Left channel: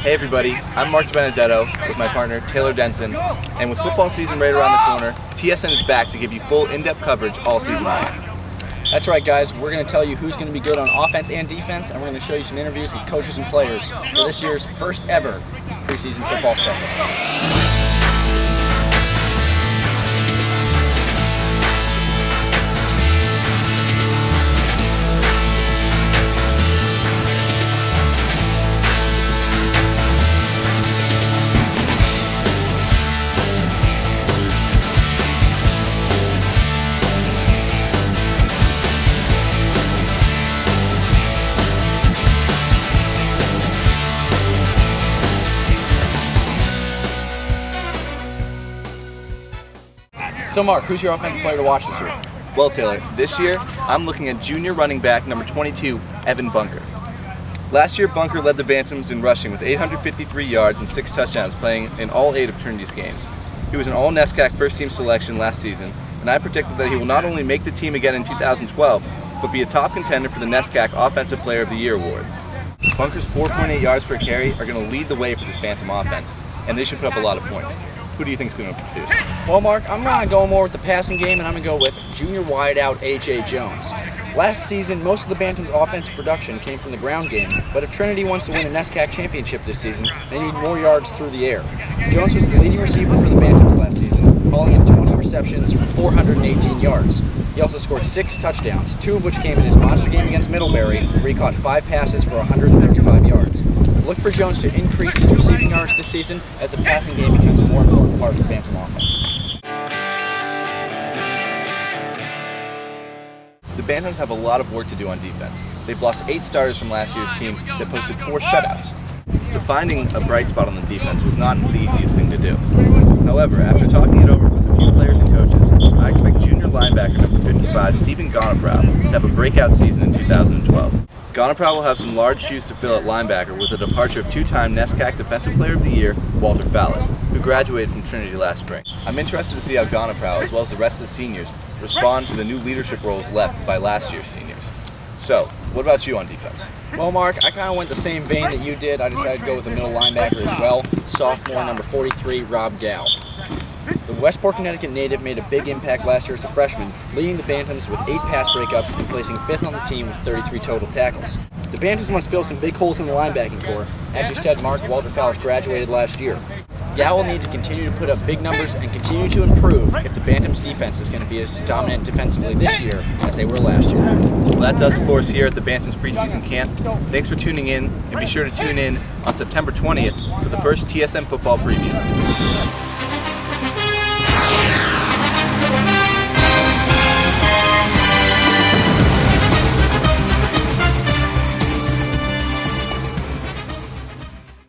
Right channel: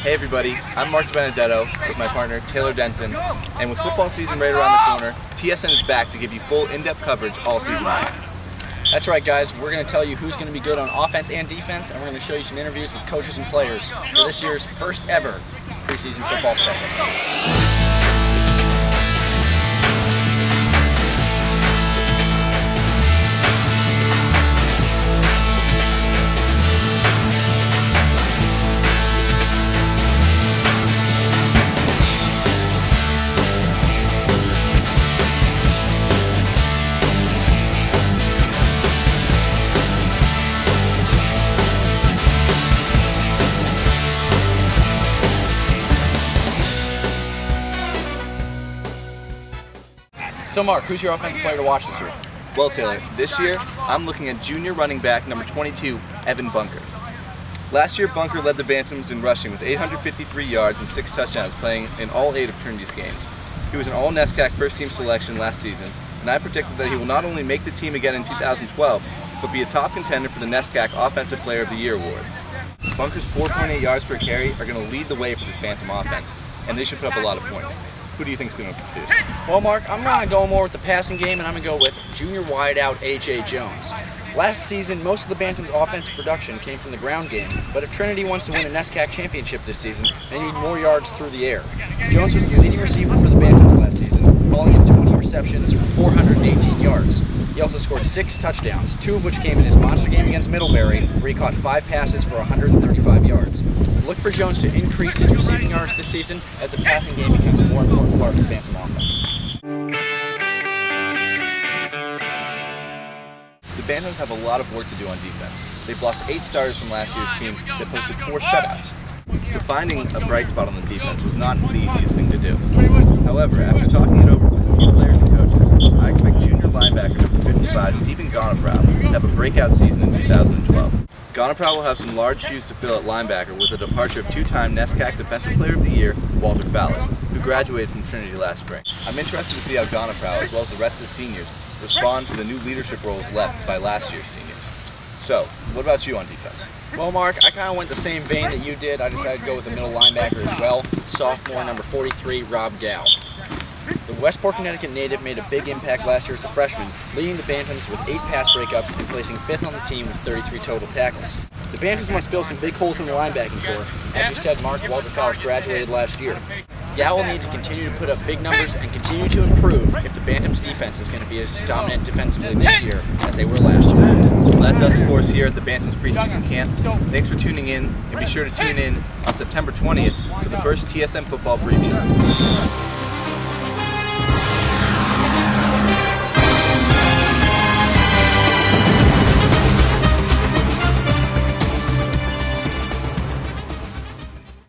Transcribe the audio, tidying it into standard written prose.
Hey everybody, I'm Marc DiBenedetto with my partner Taylor Denson, and with football season right around the corner, TSN is back to give you full in-depth coverage all season long. That's right, guys. We're going to tell you who's going to be good on offense and defense, and we're going to show you some interviews with coaches and players for this year's first ever preseason football special. So Mark, who's your offensive player to watch this year? Well Taylor, this year I'm looking at junior running back number 22, Evan Bunker. Last year Bunker led the Bantams in rushing with 853 yards and 6 touchdowns, playing in all 8 of Trinity's games. He was an all-NESCAC first-team selection last season, and I predicted that he will not only make the team again in 2012, but be a top contender for the NESCAC Offensive Player of the Year award. Bunker's 4.8 yards per carry are going to lead the way for this Bantam offense, and they should put up a lot of points. Who do you think is going to produce? Well, Mark, I'm going to go more with the passing game, and I'm going to go with junior wideout A.J. Jones. Last season, most of the Bantam's offensive production came from the ground game, but if Trinity wants to win a NESCAC championship this season, they need more yards through the air. Jones was the leading receiver for the Bantams last season, hauling in 20 receptions for 418 yards. He also scored 6 touchdowns, 2 of which came in his monster game against Middlebury, where he caught 5 passes for 135 yards. Look for Jones to increase his receiving yards this season as the passing game becomes a more important part of the Bantam offense. The Bantams have a lot of work to do on defense. They've lost 8 starters from last year's team that posted 4 shutouts. So finding a bright spot on the defense was not the easiest thing to do. However, after talking it over with a few players and coaches, I expect junior linebacker number 55, Stephen Gonaprow, to have a breakout season in 2012. Gonaprow will have some large shoes to fill at linebacker with the departure of 2-time NESCAC Defensive Player of the Year, Walter Fallis, who graduated from Trinity last spring. I'm interested to see how Gonaprow, as well as the rest of the seniors, respond to the new leadership roles left by last year's seniors. So, what about you on defense? Well, Mark, I kind of went the same vein that you did. I decided to go with the middle linebacker as well, sophomore number 43, Rob Gow. The Westport, Connecticut native made a big impact last year as a freshman, leading the Bantams with 8 pass breakups and placing 5th on the team with 33 total tackles. The Bantams must fill some big holes in the linebacking core. As you said, Mark, Walter Fallis graduated last year. Gow will need to continue to put up big numbers and continue to improve if the Bantams defense is going to be as dominant defensively this year as they were last year. Well, that does it for us here at the Bantams preseason camp. Thanks for tuning in, and be sure to tune in on September 20th for the first TSN football preview.